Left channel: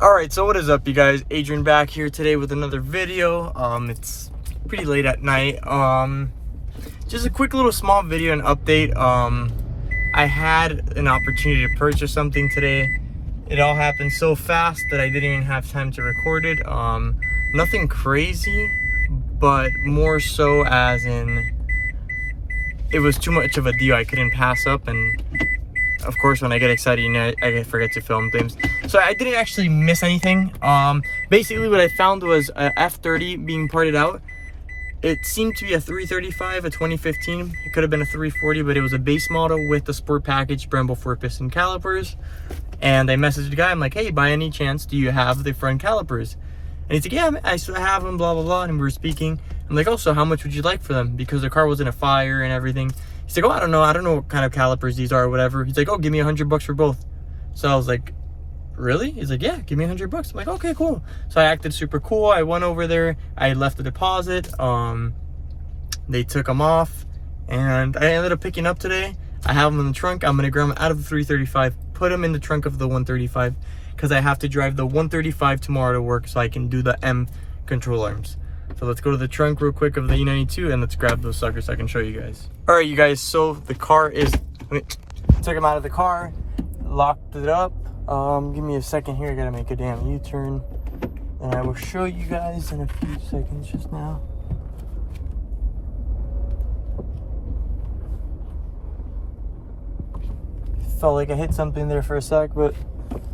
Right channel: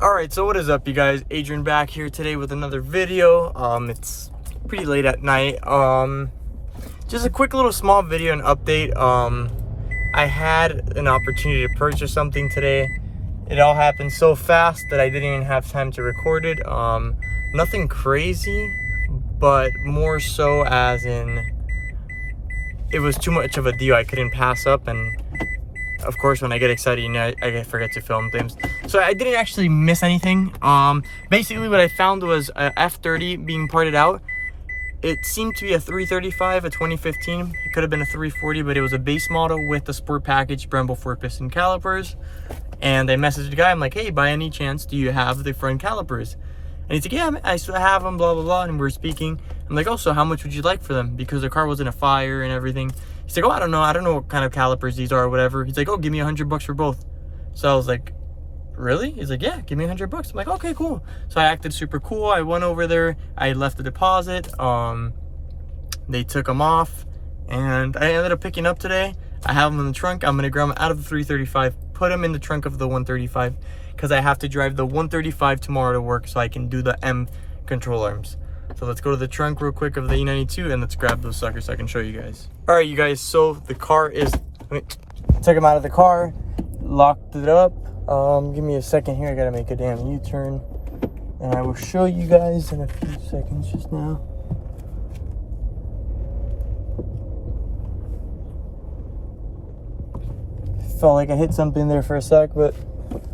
Alright, so what is up, you guys? Adrian back here today with another video. It's pretty late at night. Just a quick little small video and update. I had an opportunity to purchase something today. It all happened so fast that I didn't even have time to record it. Nothing crazy, but more so as in it was too much of a deal I couldn't pass up, and of course, when I get excited, you know, I forget to film things. So I didn't actually miss anything. Basically what I found was a f30 being parted out. It seemed to be a 335, a 2015. It could have been a 340, but it was a base model with the sport package brembo 4-piston calipers. And I messaged the guy. I'm like, hey, by any chance, do you have the front calipers? And he's like, yeah, I still have them, blah, blah, blah. And we were speaking. I'm like, oh, so how much would you like for them? Because the car was in a fire and everything. He's like, oh, I don't know what kind of calipers these are or whatever. He's like, oh, give me $100 for both. So I was like, really? He's like, yeah, give me $100. I'm like, okay, cool. So I acted super cool. I went over there. I left the deposit. They took them off, and I ended up picking up today. I have them in the trunk. I'm gonna grab them out of the 335, put them in the trunk of the 135, because I have to drive the 135 tomorrow to work so I can do the M control arms. So let's go to the trunk real quick of the e92 and let's grab those suckers so I can show you guys. All right, you guys, so the car is, took them out of the car, locked it up. Give me a second here, I gotta make a damn U-turn. And I will show you guys in a few seconds just now. Felt like I hit something there for a sec, but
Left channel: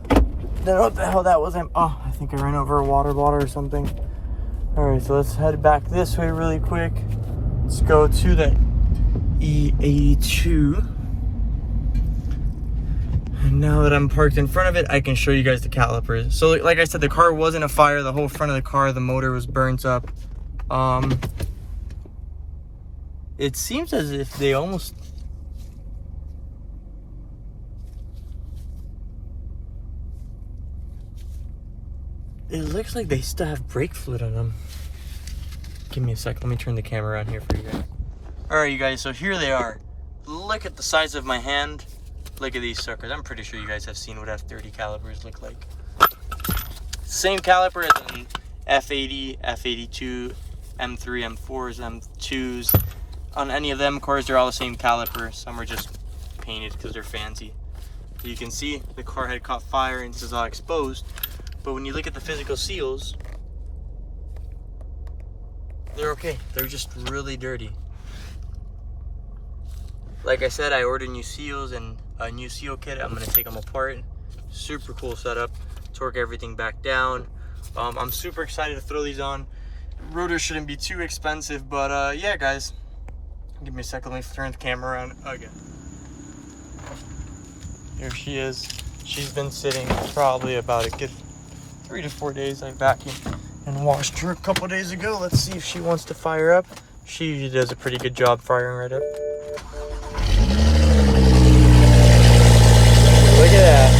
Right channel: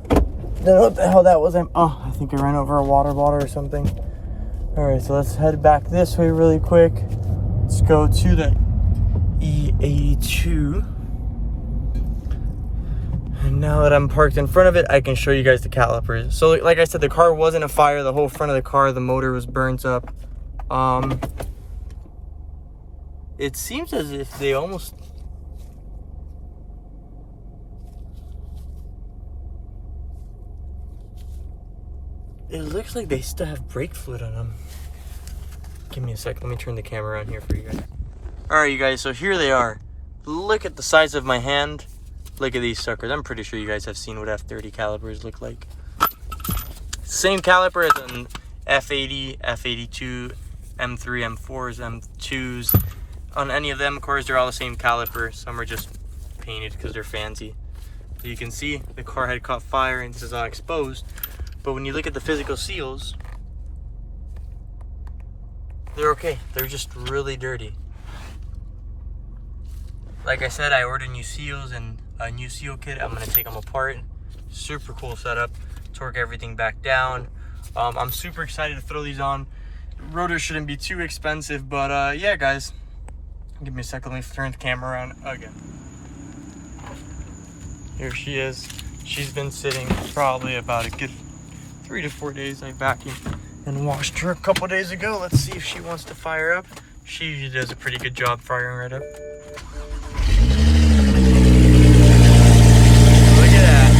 don't know what the hell that was. Oh, I think I ran over a water bottle or something. All right, so let's head back this way really quick. Let's go to the e92. And now that I'm parked in front of it, I can show you guys the calipers. So like I said, the car was in a fire. The whole front of the car, the motor was burnt up. It seems as if they almost... It looks like they still have brake fluid on them. Give me a sec. Let me turn the camera on here for you guys. All right, you guys. So here they are. Look at the size of my hand. Look at these suckers. I'm pretty sure you guys have seen what f30 calipers look like. Same caliper as an f80, f82, m3, m4s, m2s. On any of them cars, they're all the same caliper. Some are just painted because they're fancy. So you can see the car had caught fire and this is all exposed. But when you look at the physical seals, they're okay. They're just really dirty. Like I said, I ordered new seals and a new seal kit. I'm gonna take them apart. Super cool setup. Torque everything back down. I'm super excited to throw these on. Rotor shouldn't be too expensive, but yeah, guys. Give me a second. Let me turn the camera around again. Here she is. She's been sitting probably about a good 3 to 4 days. I vacuumed and washed her a couple days ago. Let's see if she wants to fire up. She usually does a pretty good job firing right up. Look at that.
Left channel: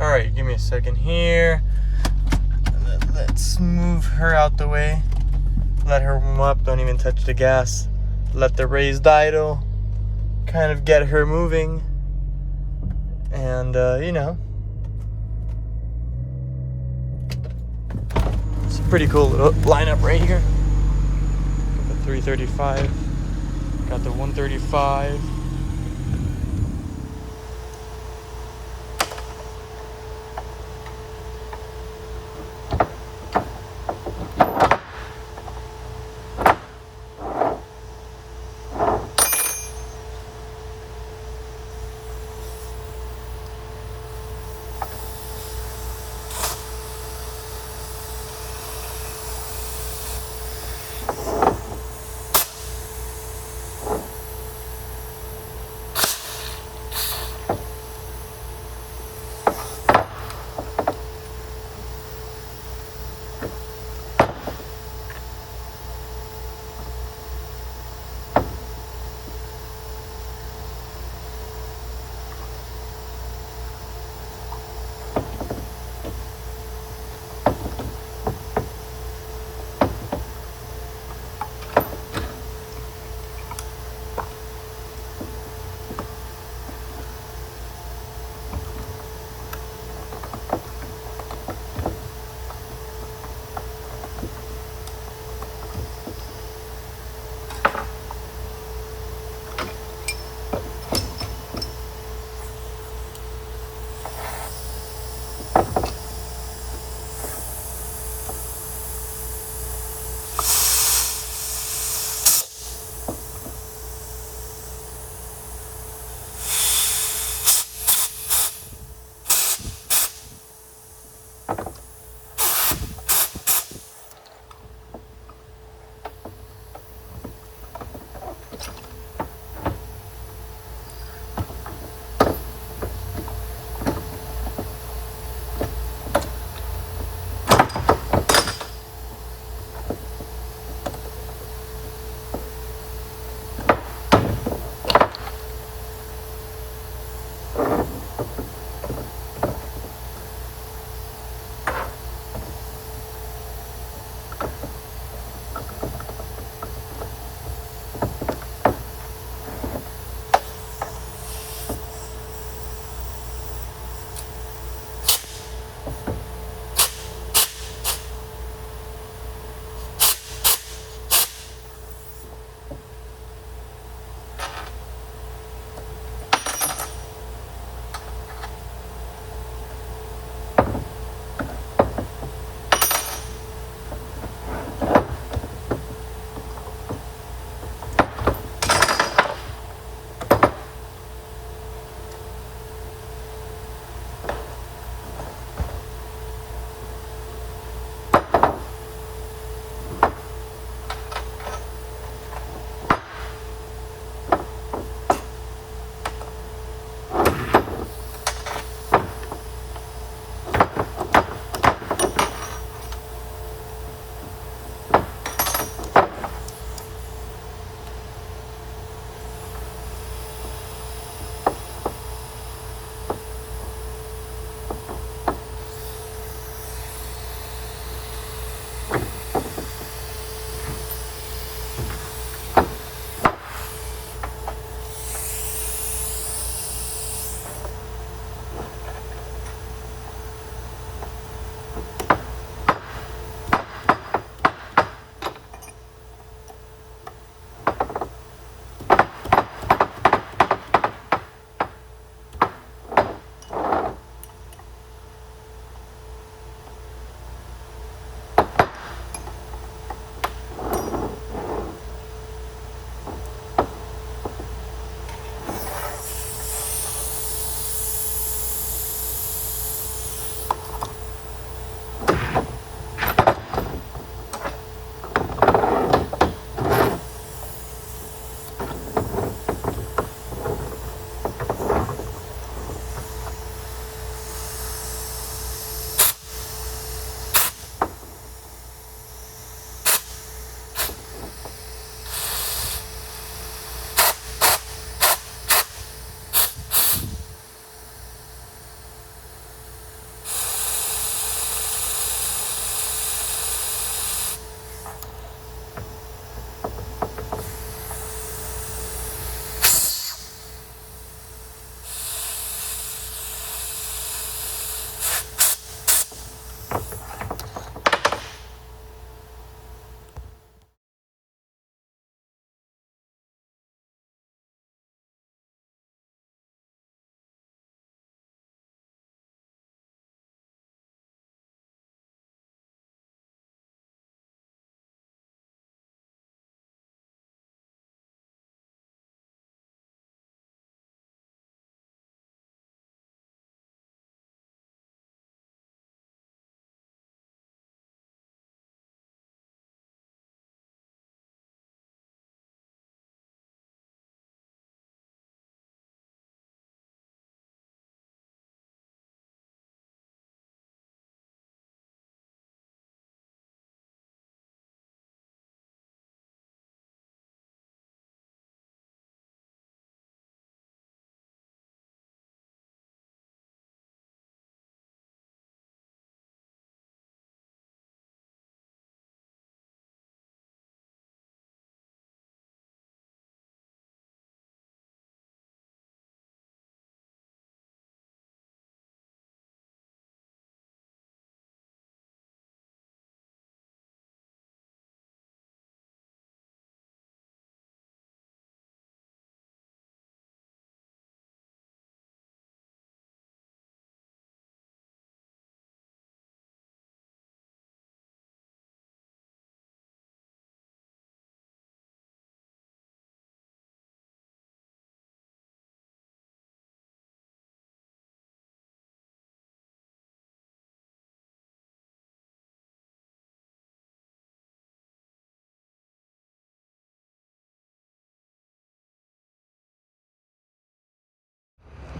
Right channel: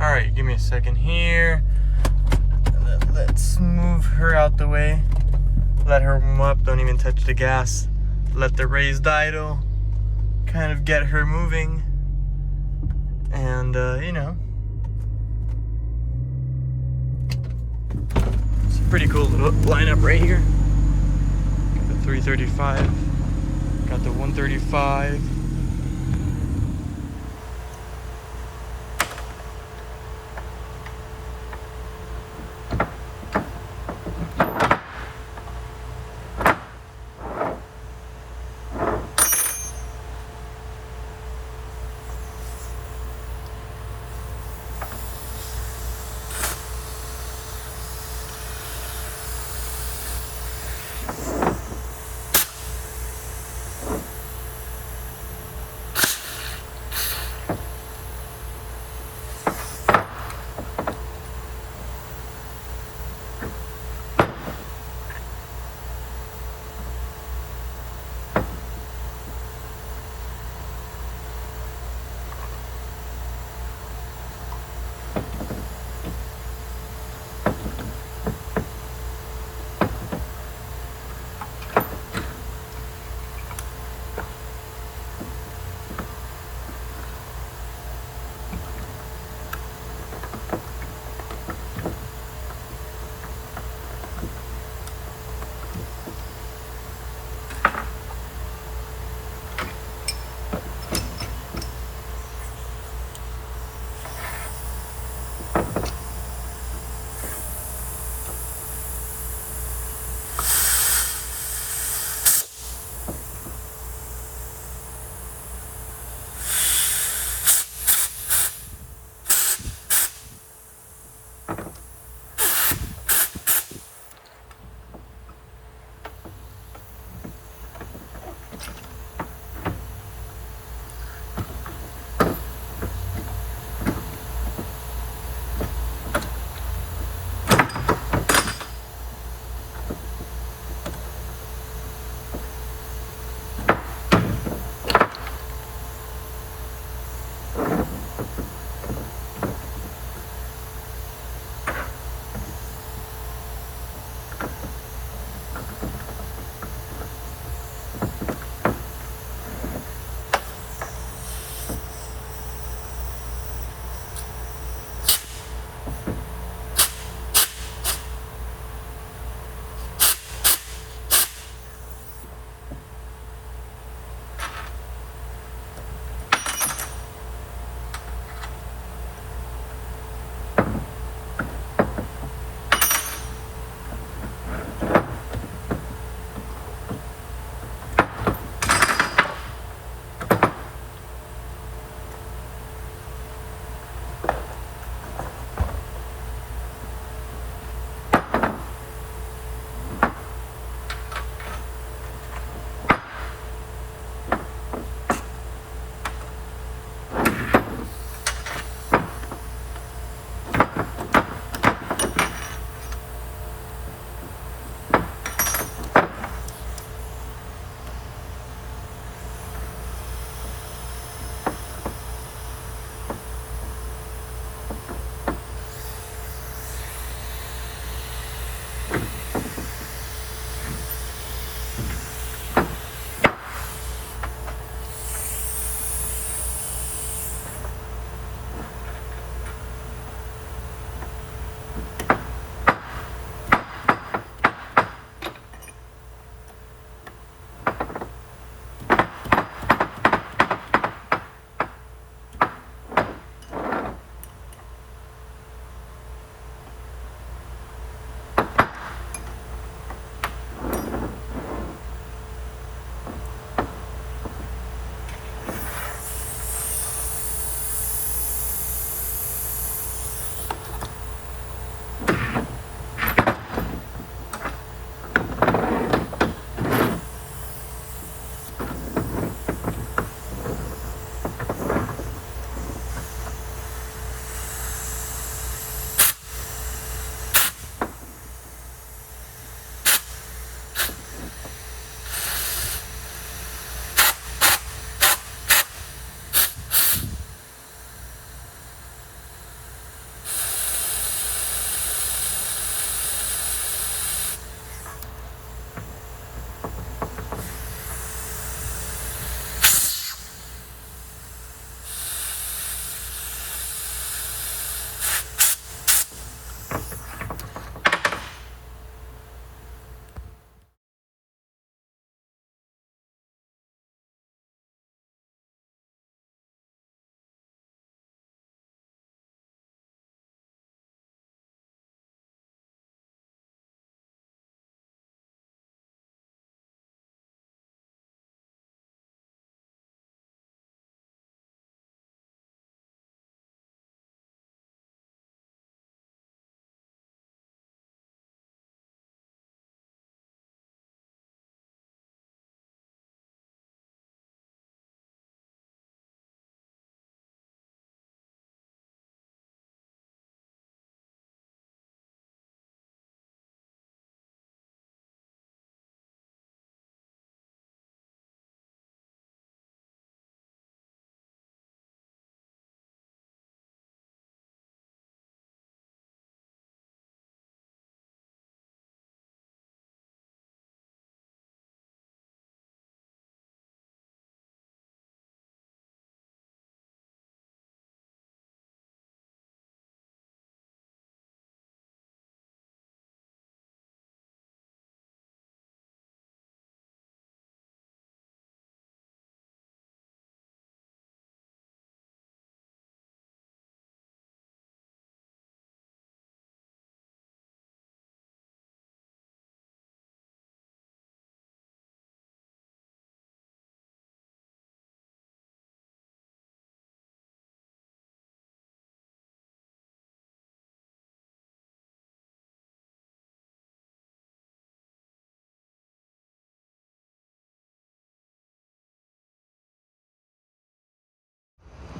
All right, give me a second here. Let's move her out the way. Let her warm up. Don't even touch the gas. Let the raised idle kind of get her moving. And, you know, it's a pretty cool little lineup right here. Got the 335. Got the 135.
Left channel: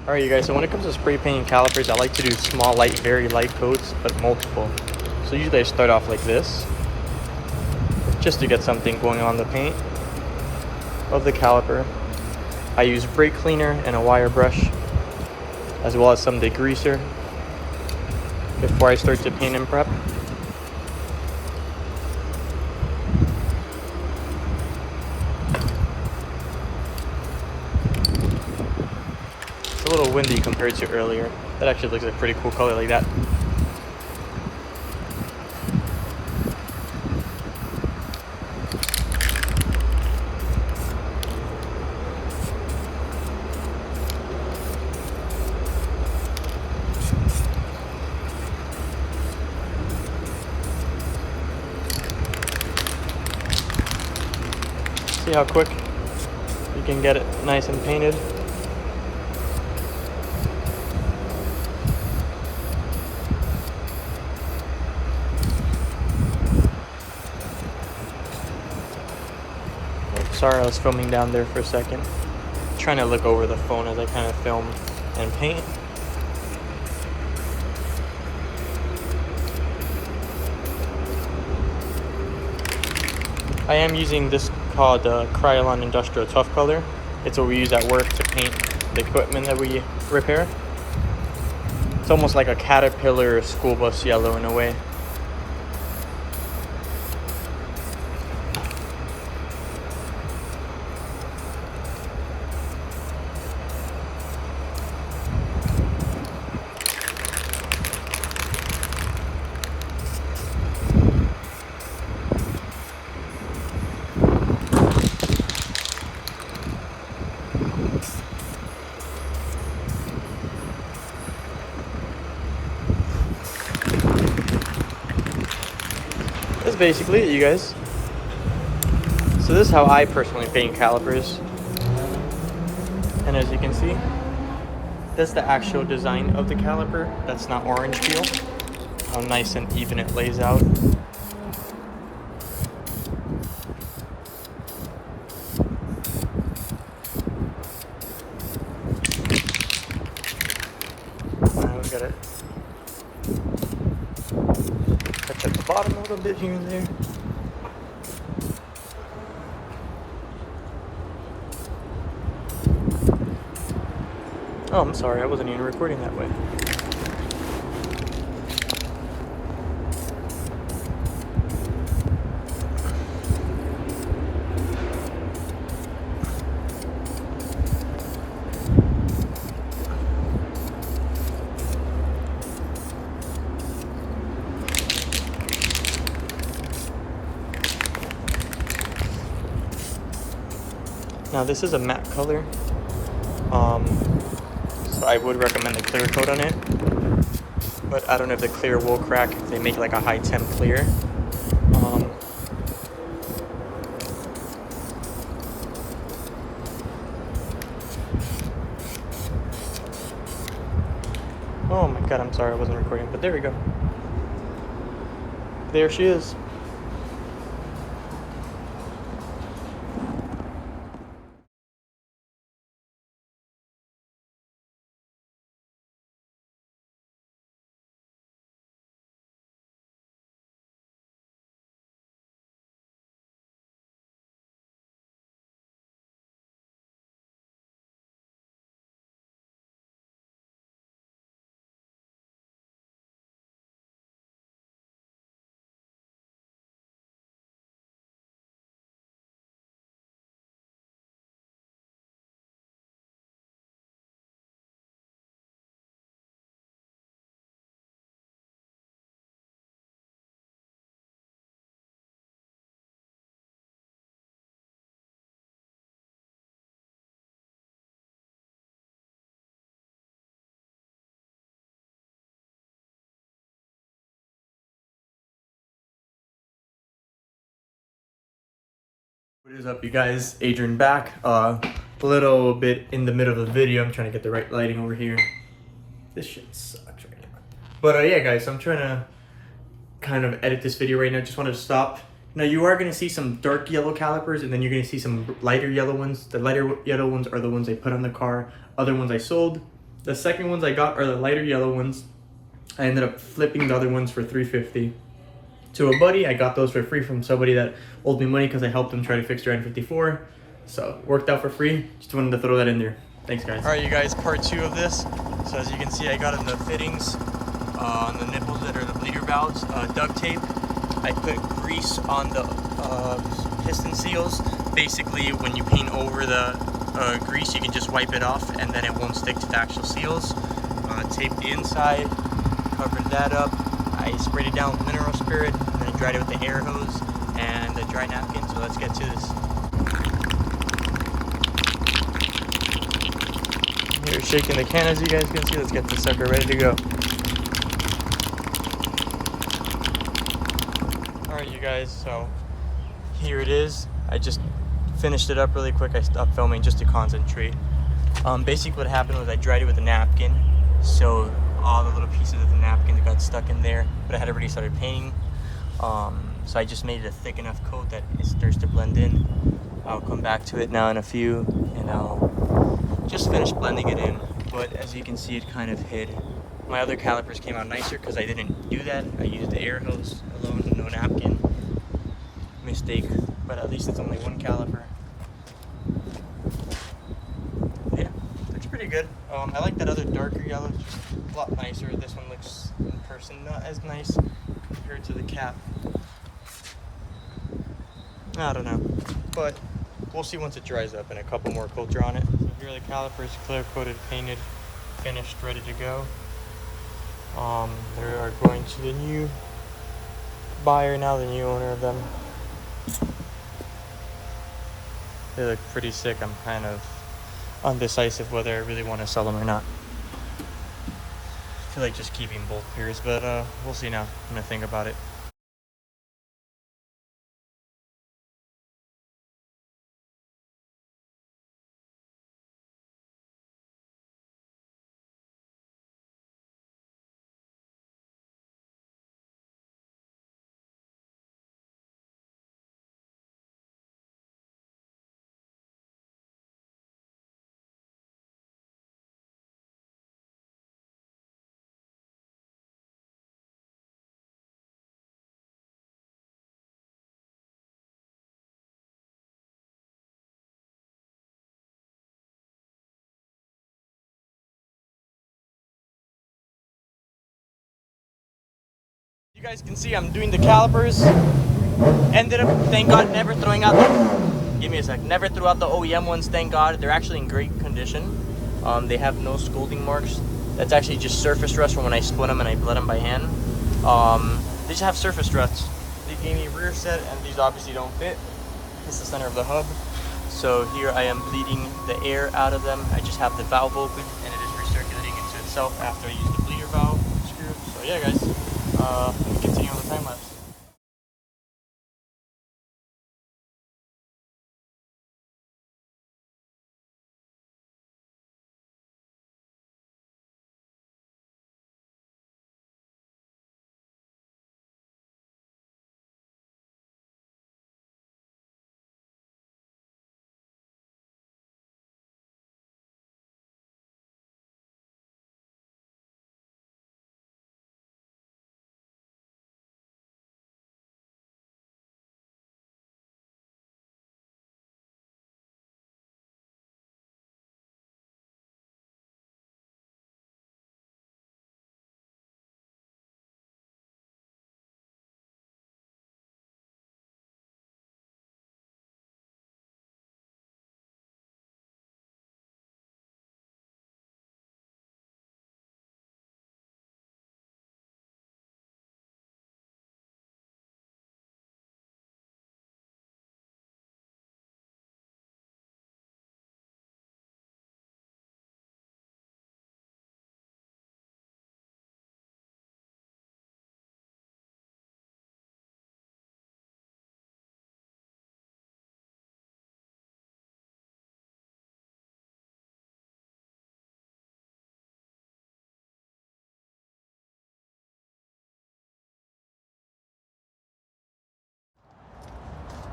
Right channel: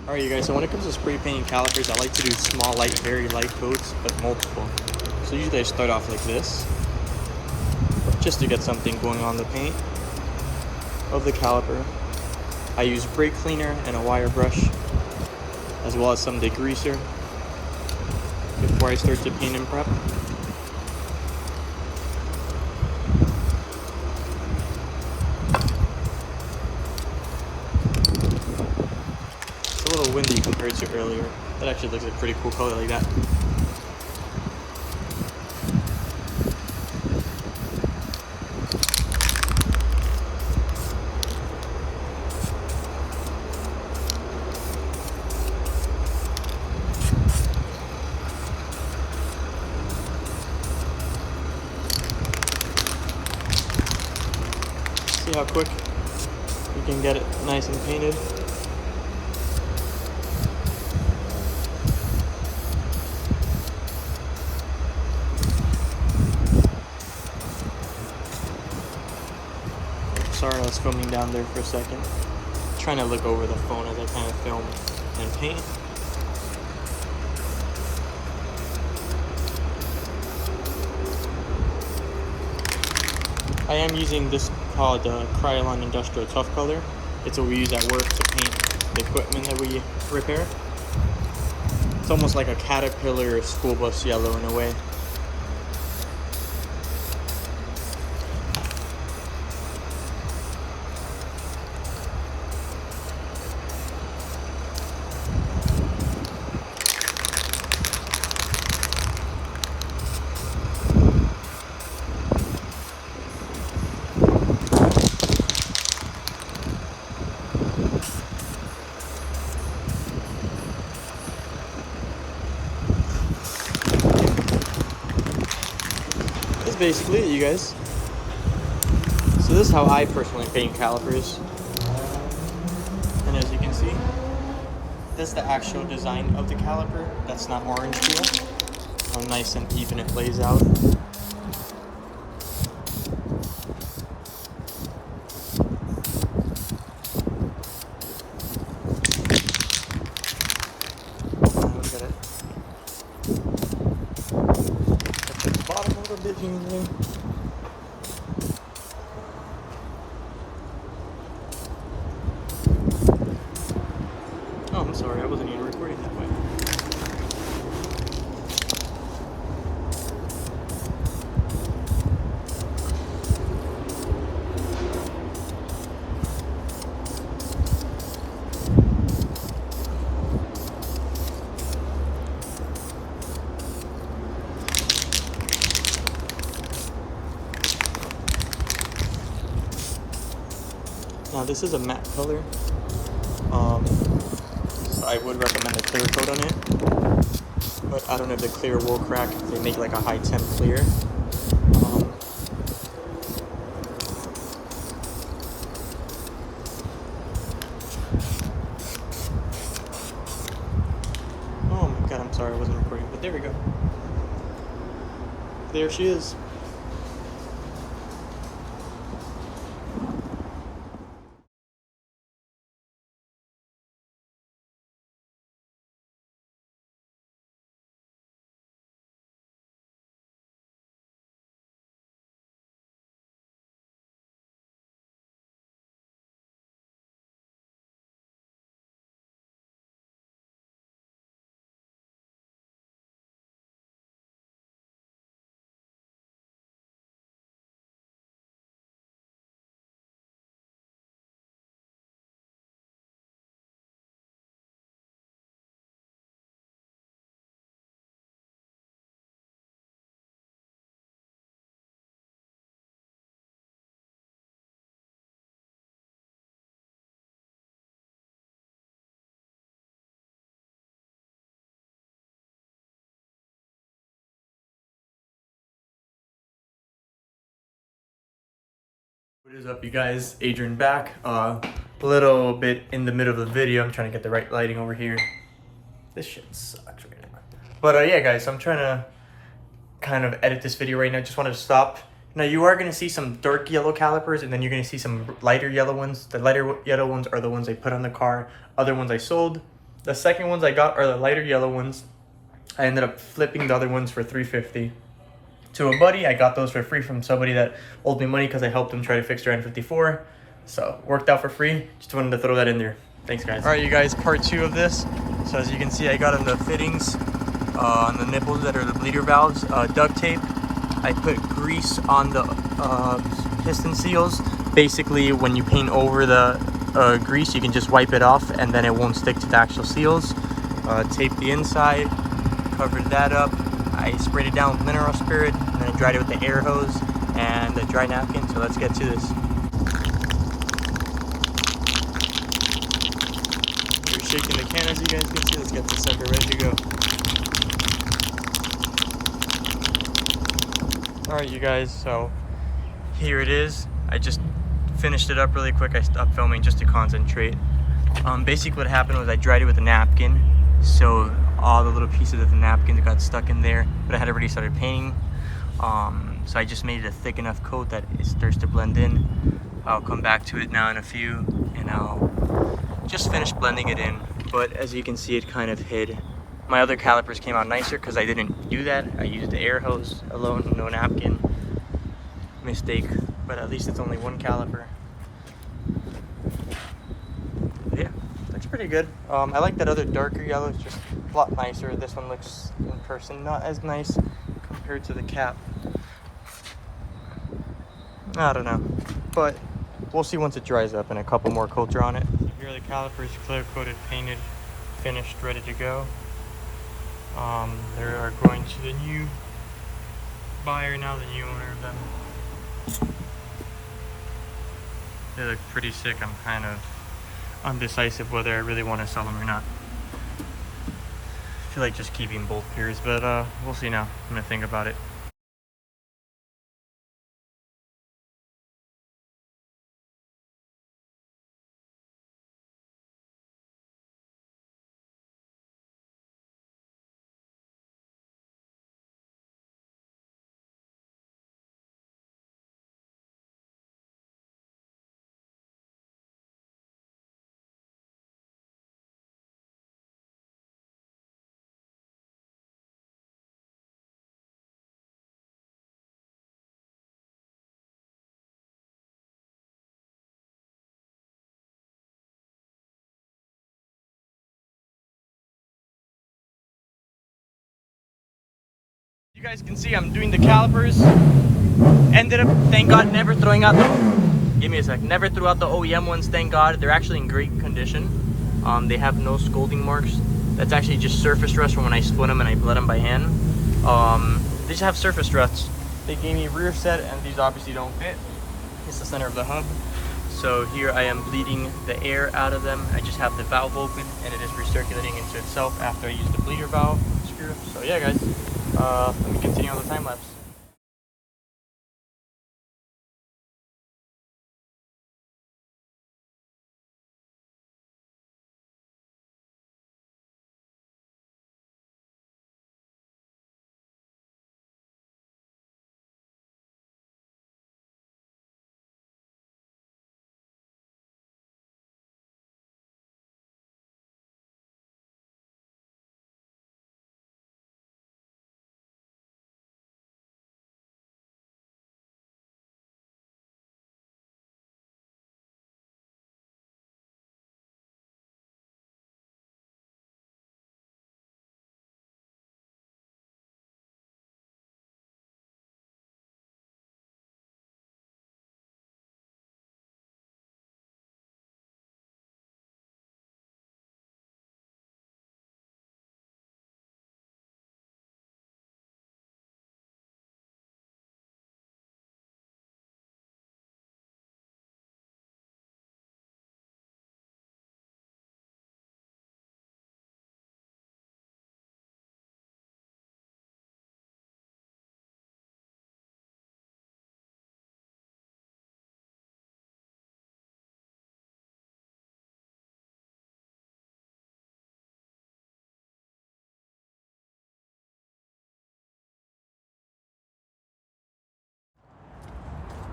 Alright you guys, so when it comes to spray painting calipers, I like to do small, light, very light coats, but multiple. So usually I start off like this, just to get something going on the paint of the caliper. I use brake cleaner and a wire brush, as well as some degreaser before I start to paint and prep. It's a little windy compared to earlier. That actually looks like a pretty cool color like that. See how quick you can get it nice and painted. Oh, sorry, I was filming down there for a second. Trying to look over the phone as I kind of film and paint. I am using this called Krylon Industrial Tough Color. It's what we use at work to paint the equipment that we repair. It's almost like a Caterpillar school bus yellow in a way. That's basically it, you guys. So this is how I personally paint calipers. And as you can see, that's the actual design of the caliper. That's not orange peel. How nice and even it lays out. Look at it. Touch at the bottom a little bit here and there. Oh, I'm sorry, I wasn't even recording that way. Now this is a matte color, so I would recommend a clear coat on it, but I don't know if the clear will crack if they make like a high temp clear. Oh my god, I'm sorry I wasn't recording, but there we go. There she is. What is up, you guys? Adrian back. A little bit in the middle of the video. I'm trying to get the right lighting over here. This shit sucks right now. But yeah, guys, I'm trying to kind of edit this video right now. Just wanted to stop. Now you are going to see some dark yellow calipers, and then you're going to see some lighter yellow ones. The lighter yellow ones are the ones I put on the car. Other ones I sold. The second ones I got are the lighter yellow ones. I ended up flipping the other ones for $350 to a buddy. I got those for free from somebody that owed me money because I helped them try to fix their N54. So worked out for free. Just wanted to throw that in there. Thanks, guys. All right, you guys, part 2 of this. So as you can see, I got on the fittings on the nipples that are the bleeder valves, duct tape. I put grease on the piston seals. Basically, when you paint over the grease, you can just wipe it off and then it won't stick to the actual seals. Tape the inside, covered that up. I sprayed it down with mineral spirit and then I dried it with the air hose and a dry napkin. So let's get to this. Here, shaking the can as you guys can see. Let's get this sucker ready to go. Alright, you guys, so here it is. I just finished it up really quick. I stopped filming just to concentrate. Basically what happened was I dried it with a napkin, so all the little pieces of the napkin got stuck in there, but I had already started painting. So I just made it a thick enough coat that it starts to blend in. I'll come back to it now in a few and I'll just finish blending it in. But as you can see, it kind of hid. My other calipers came out nicer because I didn't do that. I used the air hose alone, no napkin. Mistake, but at least it's only one caliper. Yeah, looks pretty good. I like that other darker yellow. It's just a lot nicer. This one looks in person not as nice compared to the cap. I don't know, but we'll see once it dries up and a couple more coats are on it. So here are the calipers, clear coated, painted, finished, ready to go. They are going to the new buyer now, the new owner of them. They look pretty sick. I'm kind of undecisive whether I really want to sell them or not. I feel like just keeping both pairs, but we'll see now. I'm gonna think about it. You guys can see I'm doing the calipers. Ended up, thank God, never throwing out the, give me a sec, never threw out the OEM ones, thank God. They're actually in great condition. They have no scolding marks. That's actually just surface rust from when I split them and I bled them by hand. They just have surface rusts. They gave me rear set and these obviously don't fit. It's the center of the hub. So here I am bleeding the air out of them. I just have the valve open and it is recirculating into itself after I use the bleeder valve screw. So yeah, guys, let me continue on the time lapse.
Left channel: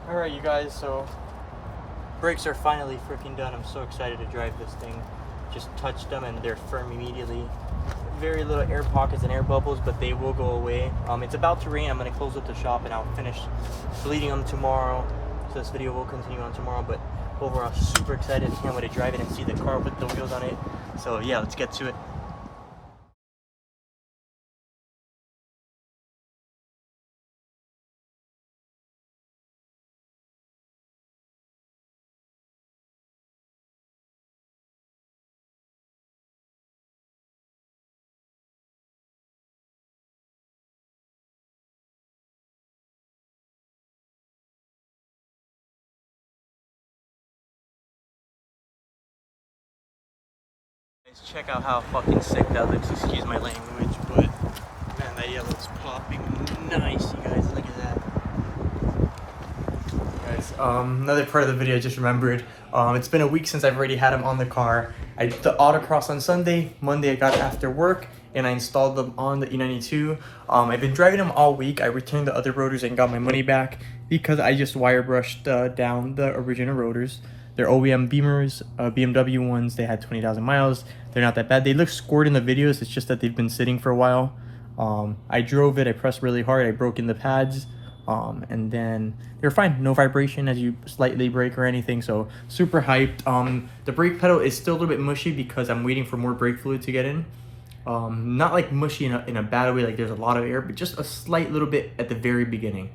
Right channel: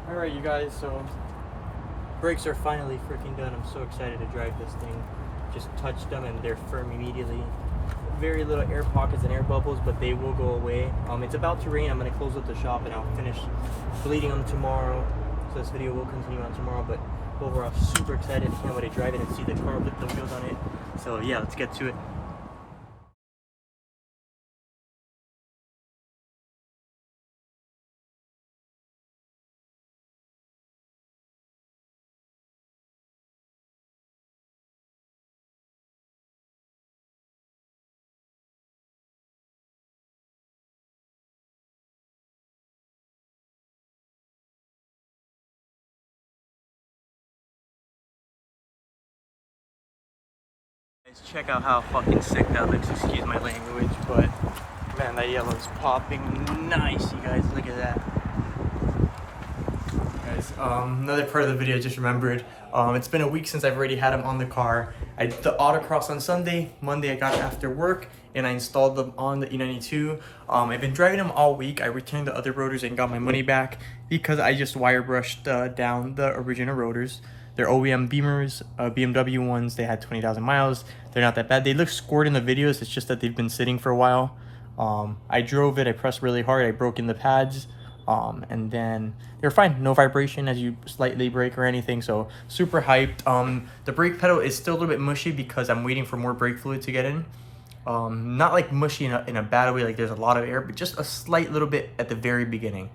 Alright, you guys, so brakes are finally freaking done. I'm so excited to drive this thing. just touched them and they're firm immediately. Very little air pockets and air bubbles, but they will go away. It's about to rain. I'm gonna close up the shop and I'll finish bleeding them tomorrow. So this video will continue on tomorrow, but overall super excited. I can't wait to drive it and see the car with the wheels on it. So yeah, let's get to it. Guys, check out how fucking sick that looks. Excuse my language, but man, that yellow's popping nice. You guys, look at that. Guys, another part of the video I just remembered. It's been a week since I've already had them on the car. I did the autocross on Sunday. Monday I got it after work and I installed them on the e92. I've been driving them all week. I returned the other rotors and got my money back because I just wire brushed down the original rotors. They're OEM Beamers, BMW ones. They had 20,000 miles. They're not that bad. They look scored in the videos. It's just that they've been sitting for a while. I drove it. I pressed really hard. I broke in the pads. And then they're fine. No vibration as you slightly brake or anything. So super hyped. The brake pedal is still a little bit mushy because I'm waiting for more brake fluid to get in. Not like mushy in a bad way, like there's a lot of air, but just a slight little bit at the very beginning,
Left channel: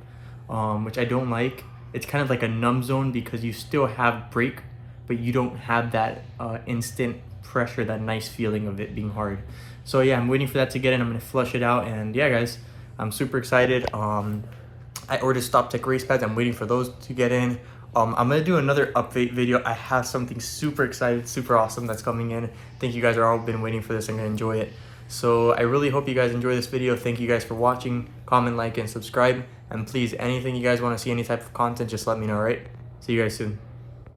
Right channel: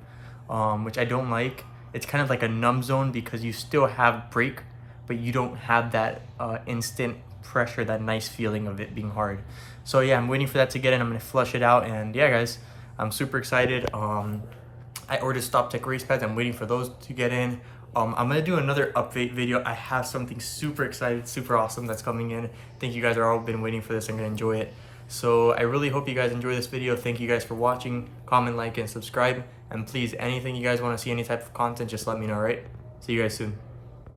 which I don't like. It's kind of like a numb zone because you still have brake, but you don't have that instant pressure, that nice feeling of it being hard. So yeah, I'm waiting for that to get in. I'm gonna flush it out, and yeah, guys, I'm super excited. I ordered Stop Tech race pads. I'm waiting for those to get in. I'm gonna do another update video. I have something super excited, super awesome that's coming in. I think you guys are all been waiting for this. I'm gonna enjoy it. So I really hope you guys enjoy this video. Thank you guys for watching. Comment, like, and subscribe. And please, anything you guys want to see, any type of content, just let me know, all right? See you guys soon.